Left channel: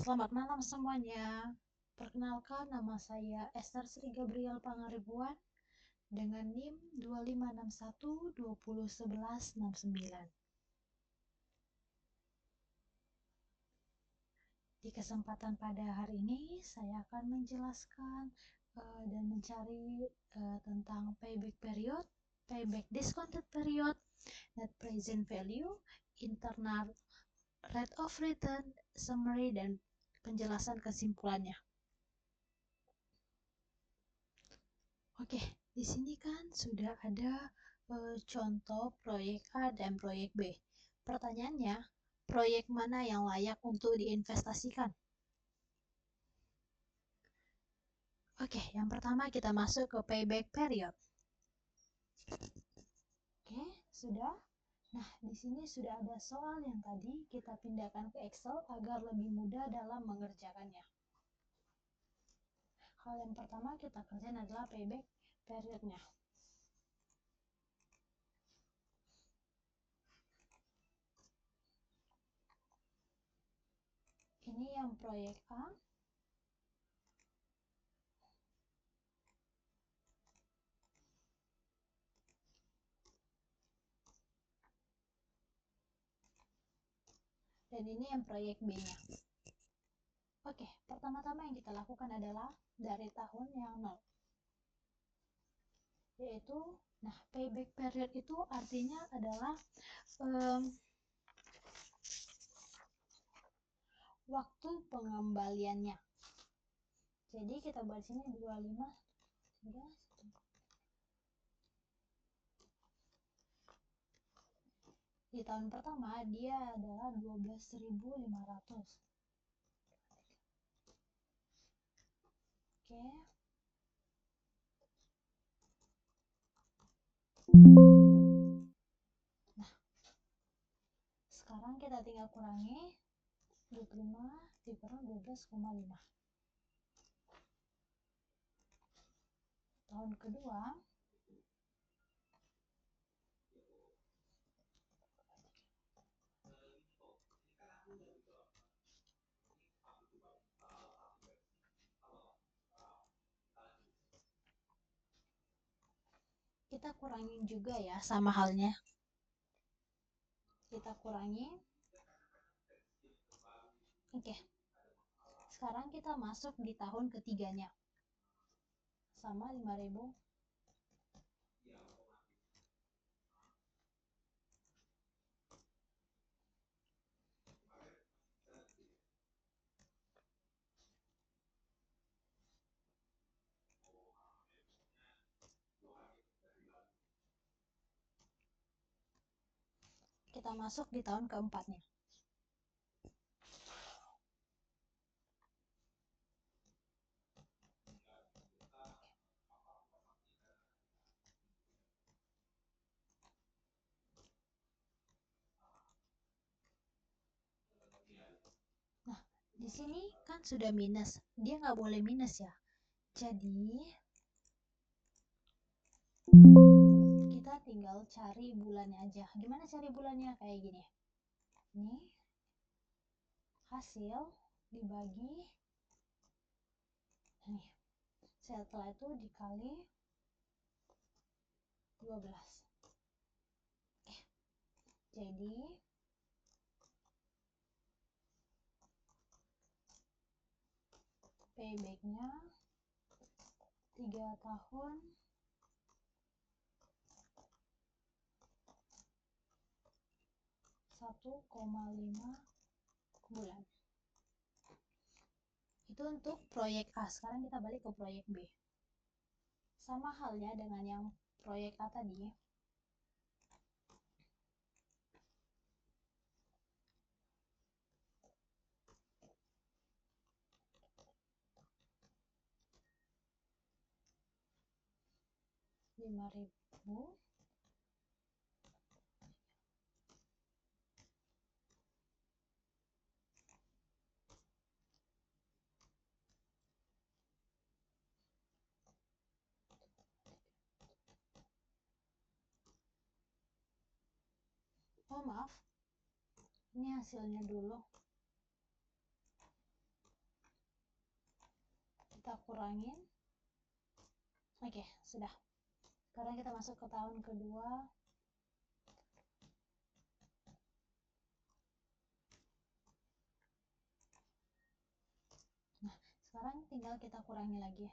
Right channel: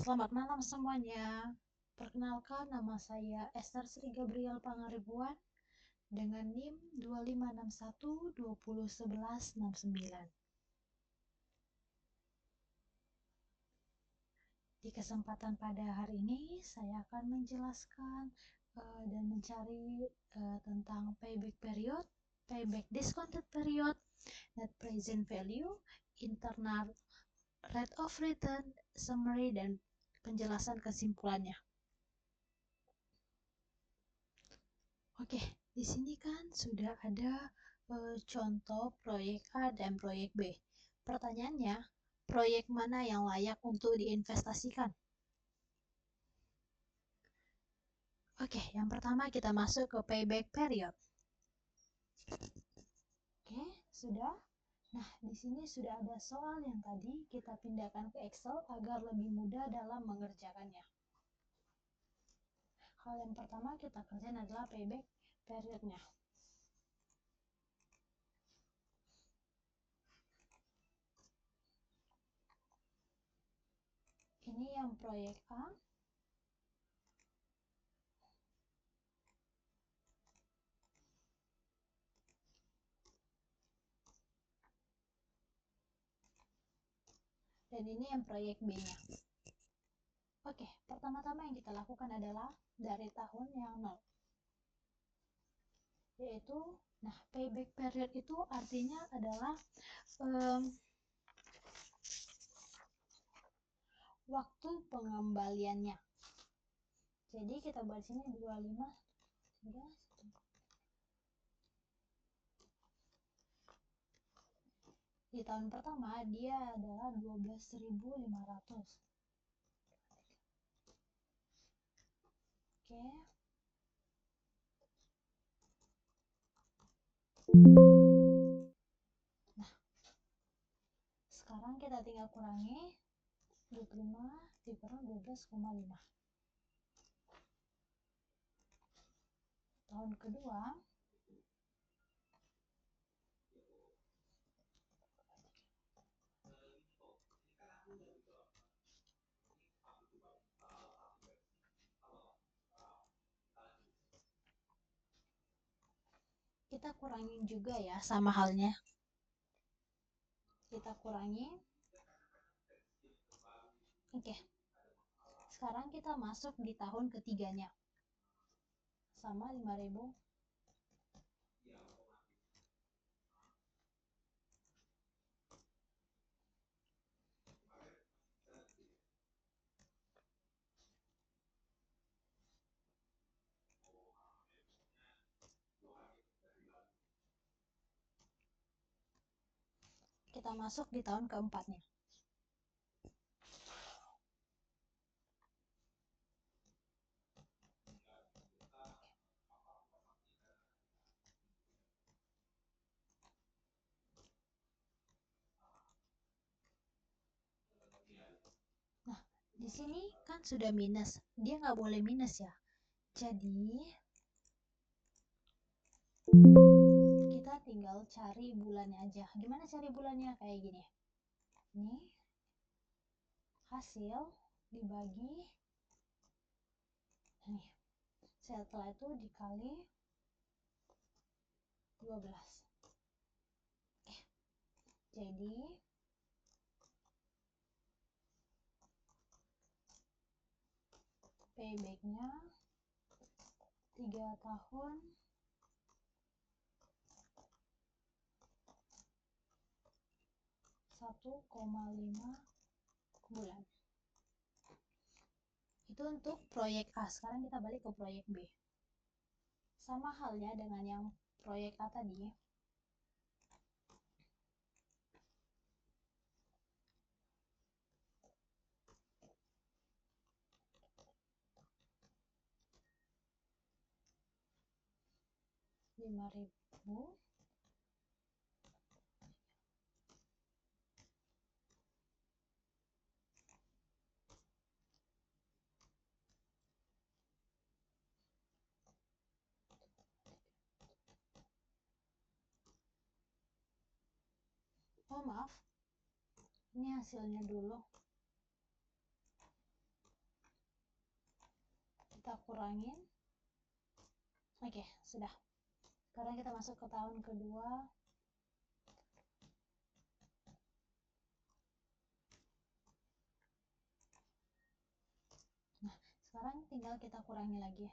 Selamat malam semuanya. Perkenalkan, nama saya Esther Sri Gabriel Pangaribuan dengan NIM 2561201169. Di kesempatan pada hari ini, saya akan menjelaskan dan mencari tentang payback period, payback discounted period, net present value, internal rate of return, summary, dan penjelasan kesimpulannya. Oke, di sini kan sudah ada contoh proyek A dan proyek B. Pertanyaannya, proyek mana yang layak untuk diinvestasikan? Oke, yang pertama kita masuk ke payback period. Oke, sudah. Nah, di sini sudah ada soal yang tadi kita pindahkan ke Excel agar lebih mudah dalam mengerjakannya. Hal yang pertama kita kerjain adalah payback periodnya. Ini yang proyek A. Dan ini yang proyek B-nya. Oke, pertama-tama yang kita lakukan adalah dari tahun yang 0. Yaitu, nah payback period itu artinya adalah waktu pengembaliannya. Jadi kita buat sini 25 di tahun pertama dia adalah 12.500. Oke. Nah, sekarang kita tinggal kurangi 25 dikurang 12,5. Tahun kedua kita kurangin juga ya, sama halnya. Kita kurangi. Oke. Sekarang kita masuk di tahun ketiganya. Sama 5.000. Kita masuk di tahun keempatnya. Nah, di sini kan sudah minus. Dia nggak boleh minus ya. Jadi, kita tinggal cari bulannya aja. Gimana cari bulannya? Kayak gini. Ini hasil dibagi. Nih. Setelah itu dikali 12. Jadi payback-nya 3 tahun 1,5 bulan. Itu untuk proyek A. Sekarang kita balik ke proyek B. Sama halnya dengan yang proyek A tadi. Rp5.000. Oh maaf, ini hasilnya dulu. kita kurangin. Oke, sudah. Sekarang kita masuk ke tahun kedua. Nah, sekarang tinggal kita kurangi lagi.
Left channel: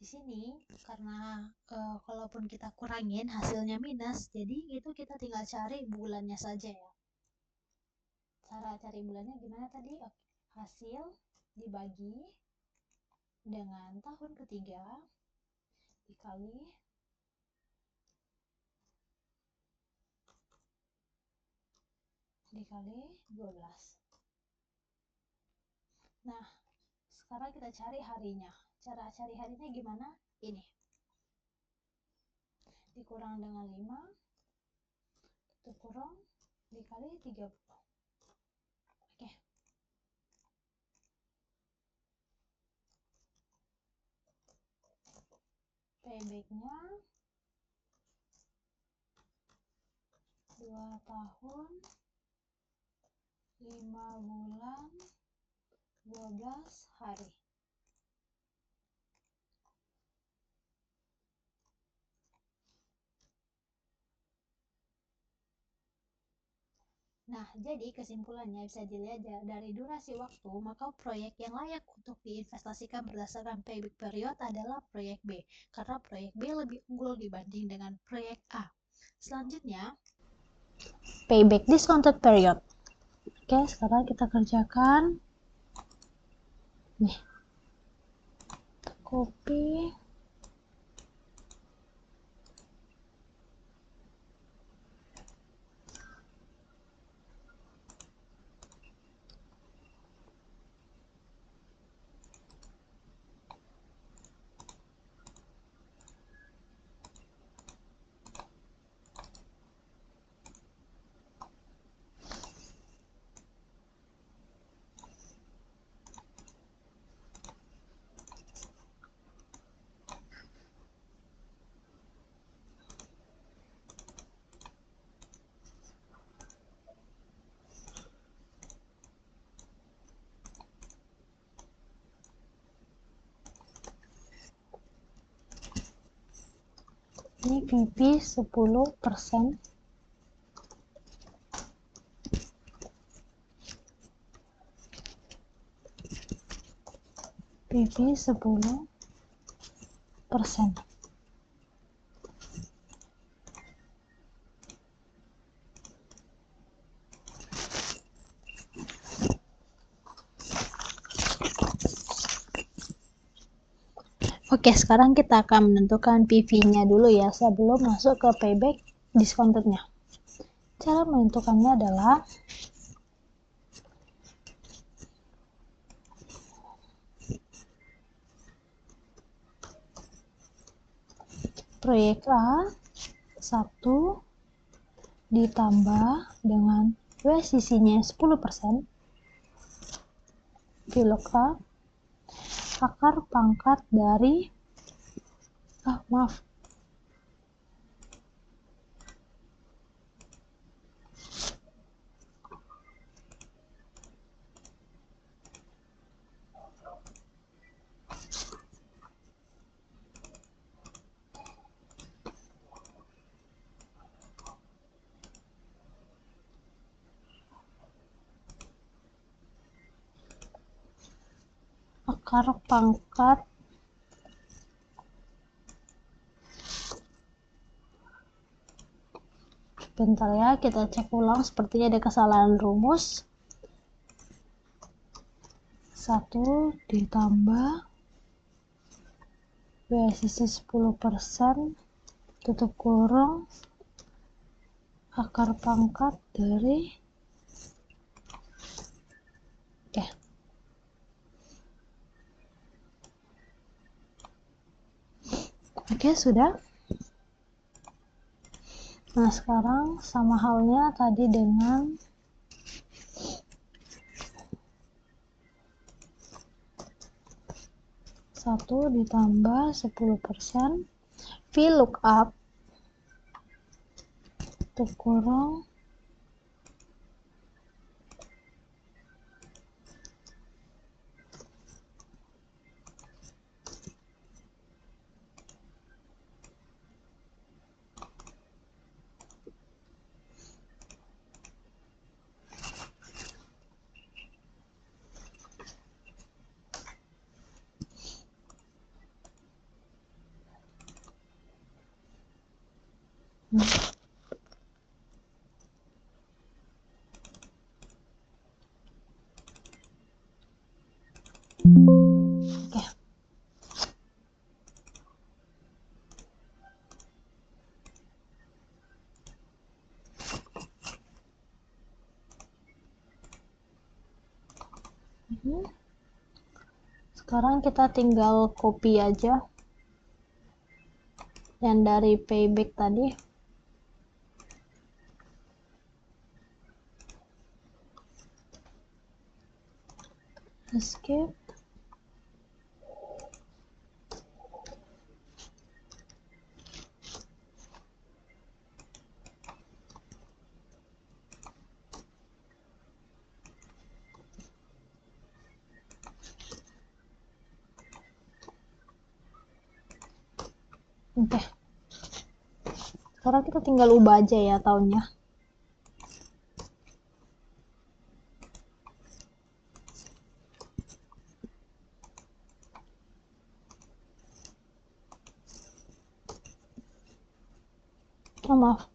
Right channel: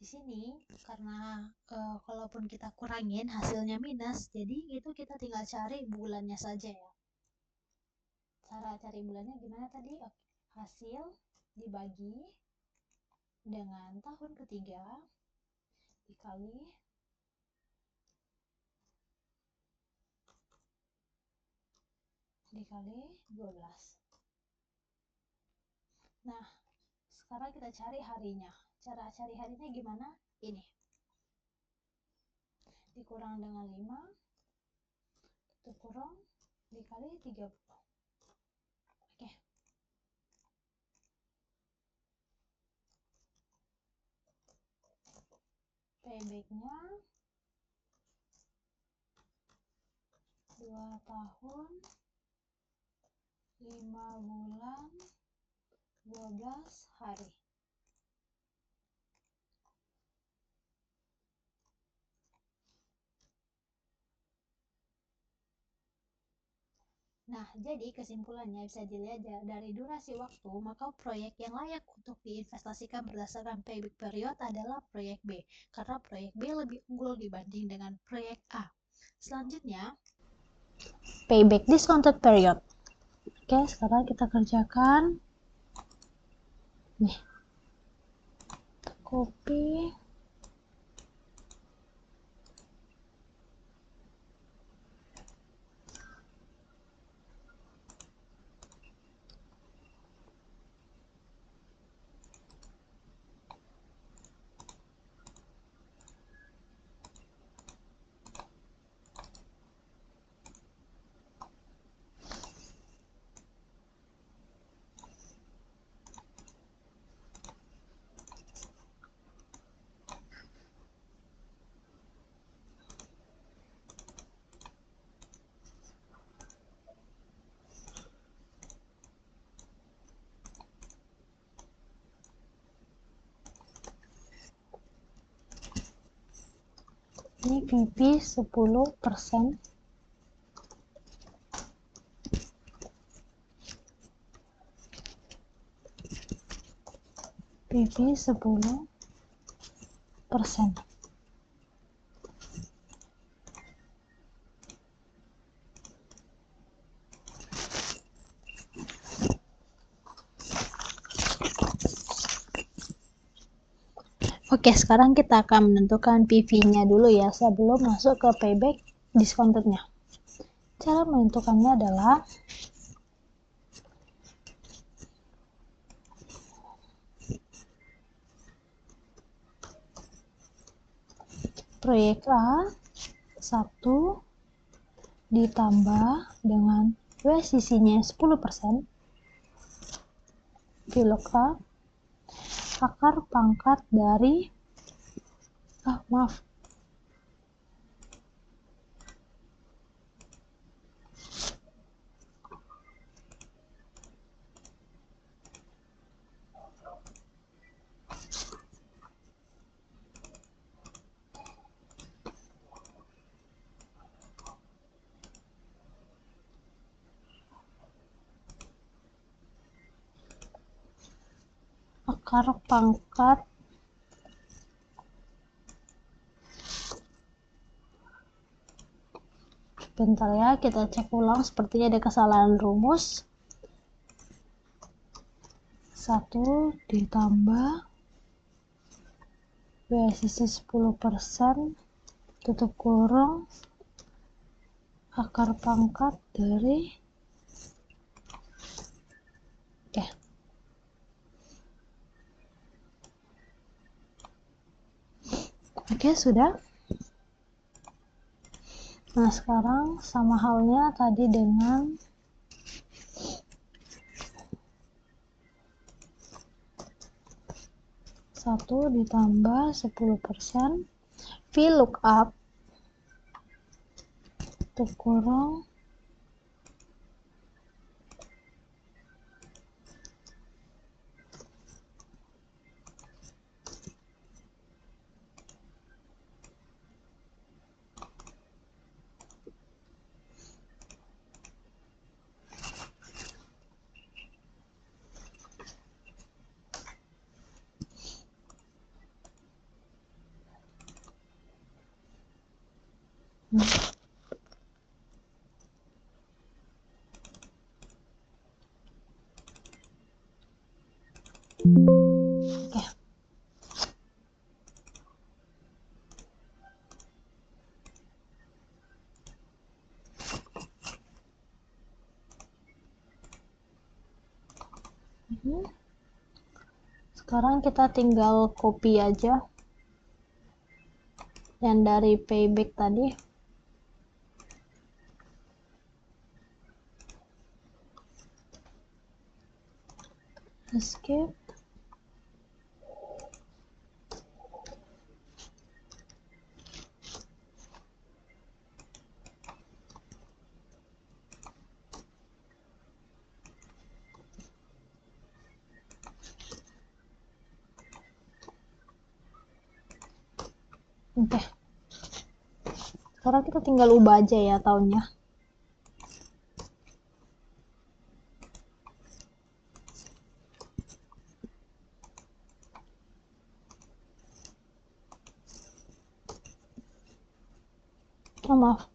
Di sini karena kalaupun kita kurangin hasilnya minus, jadi itu kita tinggal cari bulannya saja ya. Cara cari bulannya gimana tadi? Oke. Hasil dibagi dengan tahun ketiga dikali dikali 12. Nah, sekarang kita cari harinya. Cara cari harinya gimana? Ini. Dikurang dengan 5, tutup kurung, dikali 30. Oke. Payback-nya 2 tahun, 5 bulan, 12 hari. Nah, jadi kesimpulannya bisa dilihat dari durasi waktu, maka proyek yang layak untuk diinvestasikan berdasarkan payback period adalah proyek B, karena proyek B lebih unggul dibanding dengan proyek A. Selanjutnya, payback discounted period. Oke, sekarang kita kerjakan. Nih, copy. Ini PP 10%. PP 10%. Oke, sekarang kita akan menentukan PV-nya dulu ya, sebelum masuk ke payback discounted-nya. Cara menentukannya adalah proyek A 1 ditambah dengan WACC-nya 10%, VLOOK A, akar pangkat dari akar pangkat bentar ya, kita cek ulang, sepertinya ada kesalahan rumus. 1 ditambah WACC 10%, tutup kurung, akar pangkat dari Oke, sudah. Nah, sekarang sama halnya tadi dengan 1 ditambah 10% VLOOKUP kurang Oke. Sekarang kita tinggal copy aja yang dari payback tadi. Escape. Oke. Sekarang kita tinggal ubah aja ya tahunnya. Oh, maaf.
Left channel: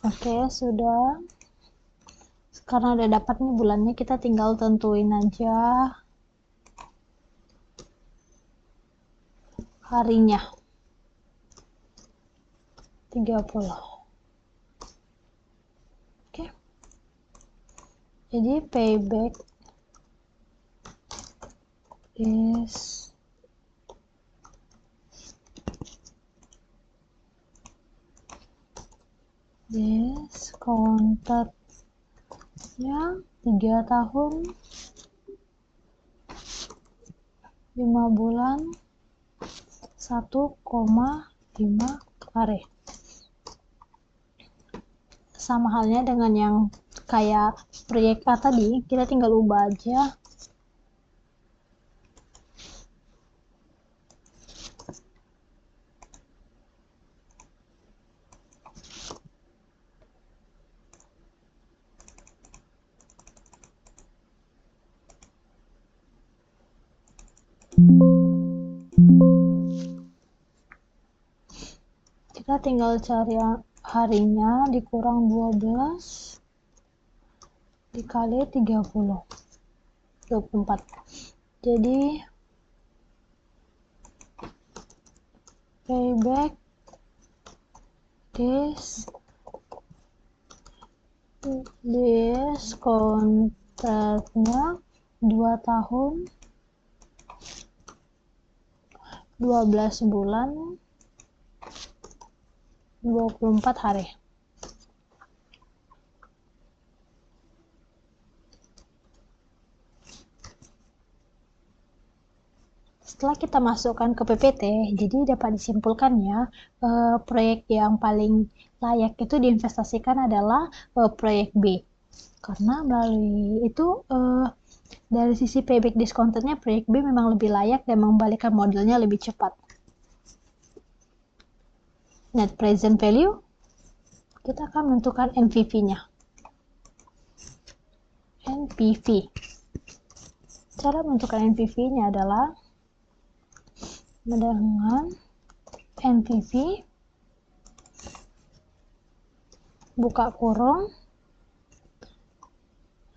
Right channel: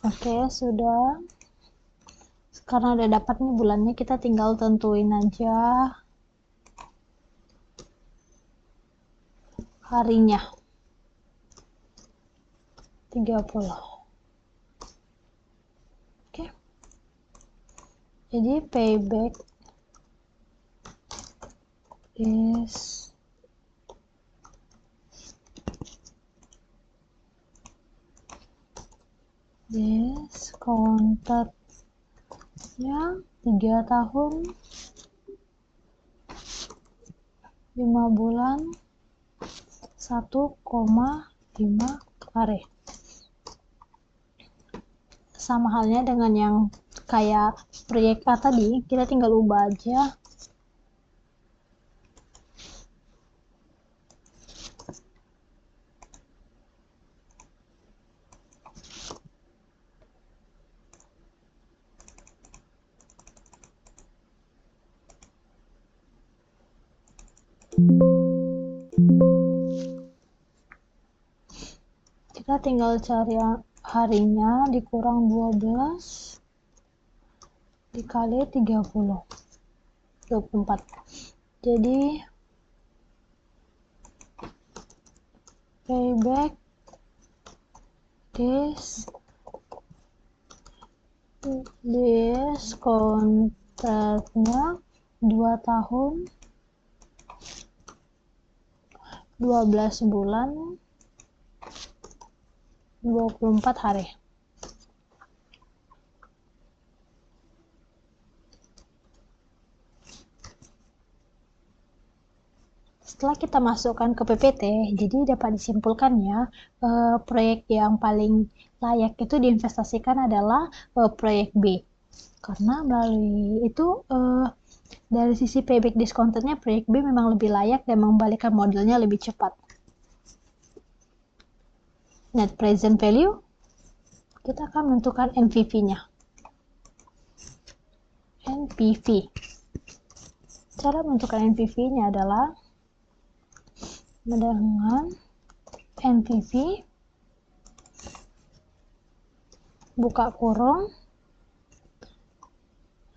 Oke, sudah. Karena udah dapat nih bulannya, kita tinggal tentuin aja harinya. 30. Oke. Jadi payback is discounted ya 3 tahun 5 bulan 1,5 hari. Sama halnya dengan yang kayak proyek A tadi, kita tinggal ubah aja. Kita tinggal cari harinya dikurang 12 dikali 30, 24. Jadi payback kontraknya 2 tahun 12 bulan 24 hari. Setelah kita masukkan ke PPT, jadi dapat disimpulkan ya, proyek yang paling layak itu diinvestasikan adalah proyek B. Karena melalui itu dari sisi payback discounted-nya proyek B memang lebih layak dan mengembalikan modalnya lebih cepat. Net present value, kita akan menentukan NPV-nya. NPV. Cara menentukan NPV-nya adalah dengan NPV buka kurung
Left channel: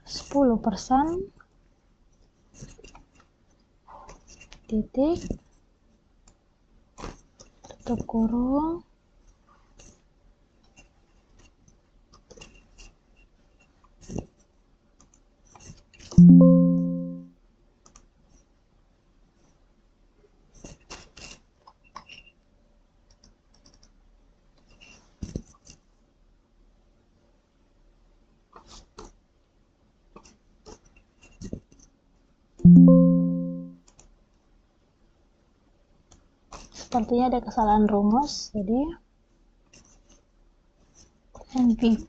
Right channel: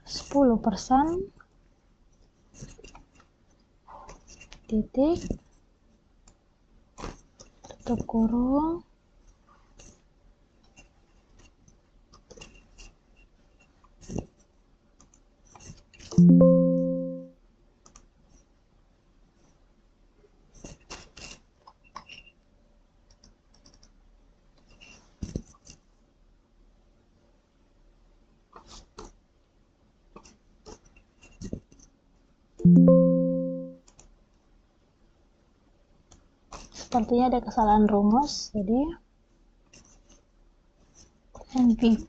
10% titik, tutup kurung, sepertinya ada kesalahan rumus, jadi NPV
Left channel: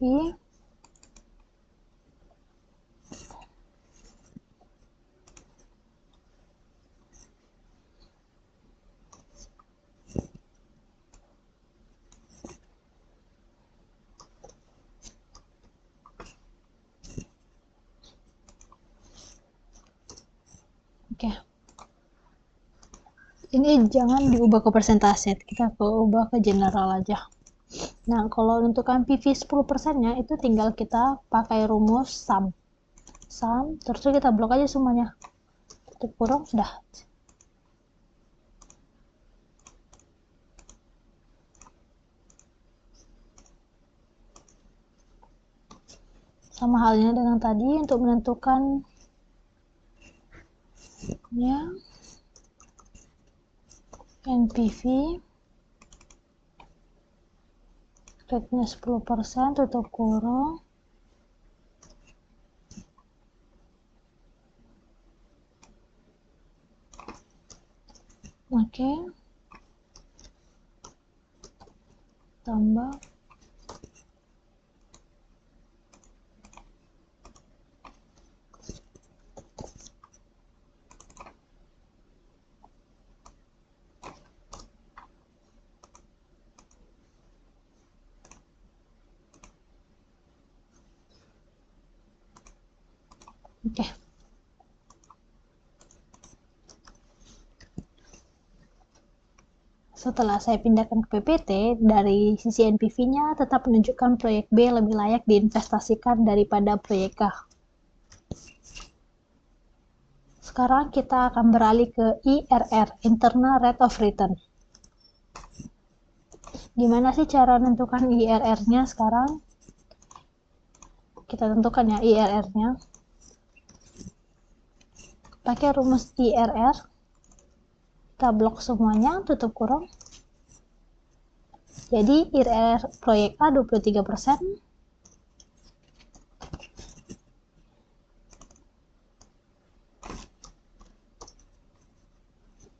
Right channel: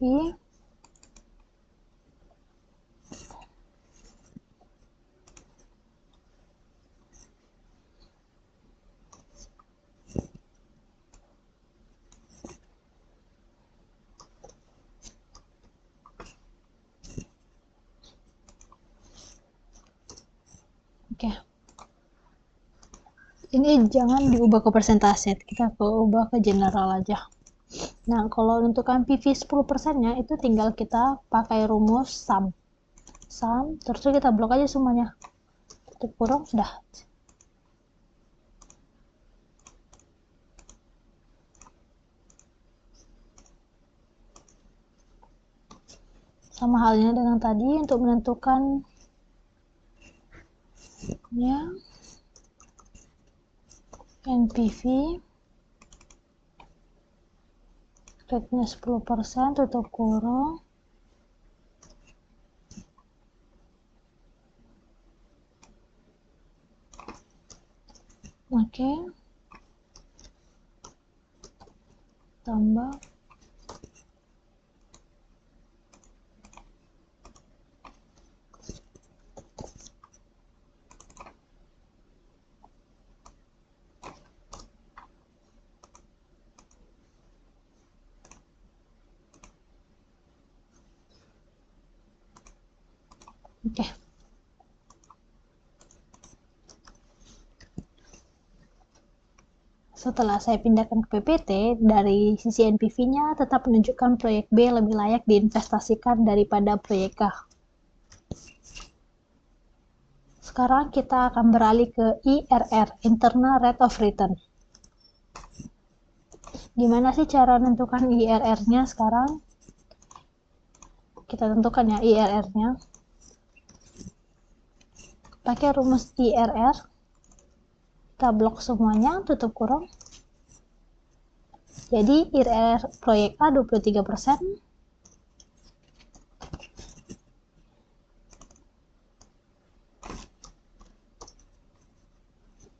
oke. Ini jangan diubah ke persentase, kita ubah ke general aja. Nah, kalau untuk PV 10%-nya itu tinggal kita pakai rumus sum. Terus kita blok aja semuanya. Tutup kurung, sudah. Sama halnya dengan tadi untuk menentukan ya NPV rate-nya 10%, tutup kurung, oke, tambah oke. Setelah saya pindahkan ke PPT, dari sisi NPV-nya tetap menunjukkan proyek B lebih layak diinvestasikan daripada proyek A. Sekarang kita akan beralih ke IRR, Internal Rate of Return. Gimana sih cara menentukan IRR-nya sekarang? Kita tentukan ya IRR-nya. Pakai rumus IRR. Kita blok semuanya, tutup kurung. Jadi IRR proyek A 23%.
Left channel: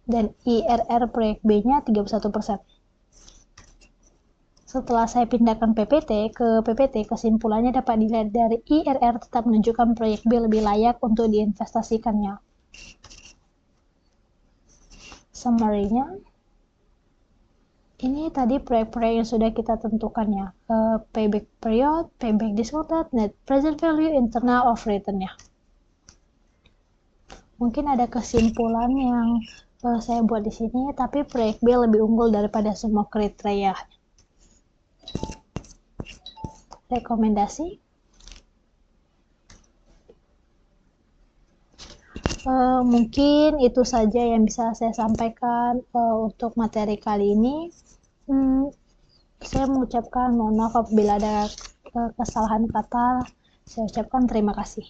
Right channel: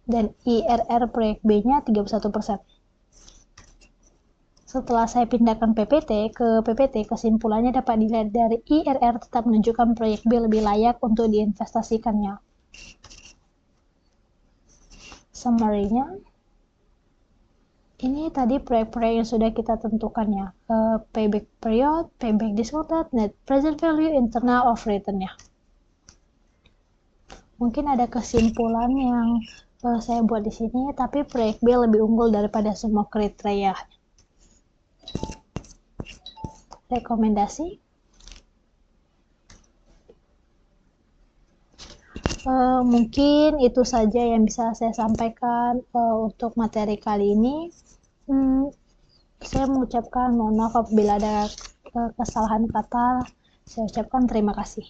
Dan IRR proyek B-nya 31%. Setelah saya pindahkan PPT ke PPT, kesimpulannya dapat dilihat dari IRR tetap menunjukkan proyek B lebih layak untuk diinvestasikannya. Summary-nya, ini tadi proyek-proyek yang sudah kita tentukan ya, payback period, payback discounted, net present value, internal of return-nya. Mungkin ada kesimpulan yang saya buat di sini, tapi proyek B lebih unggul daripada semua kriteria. Rekomendasi, mungkin itu saja yang bisa saya sampaikan untuk materi kali ini. Saya mengucapkan mohon maaf apabila ada kesalahan kata. Saya ucapkan terima kasih.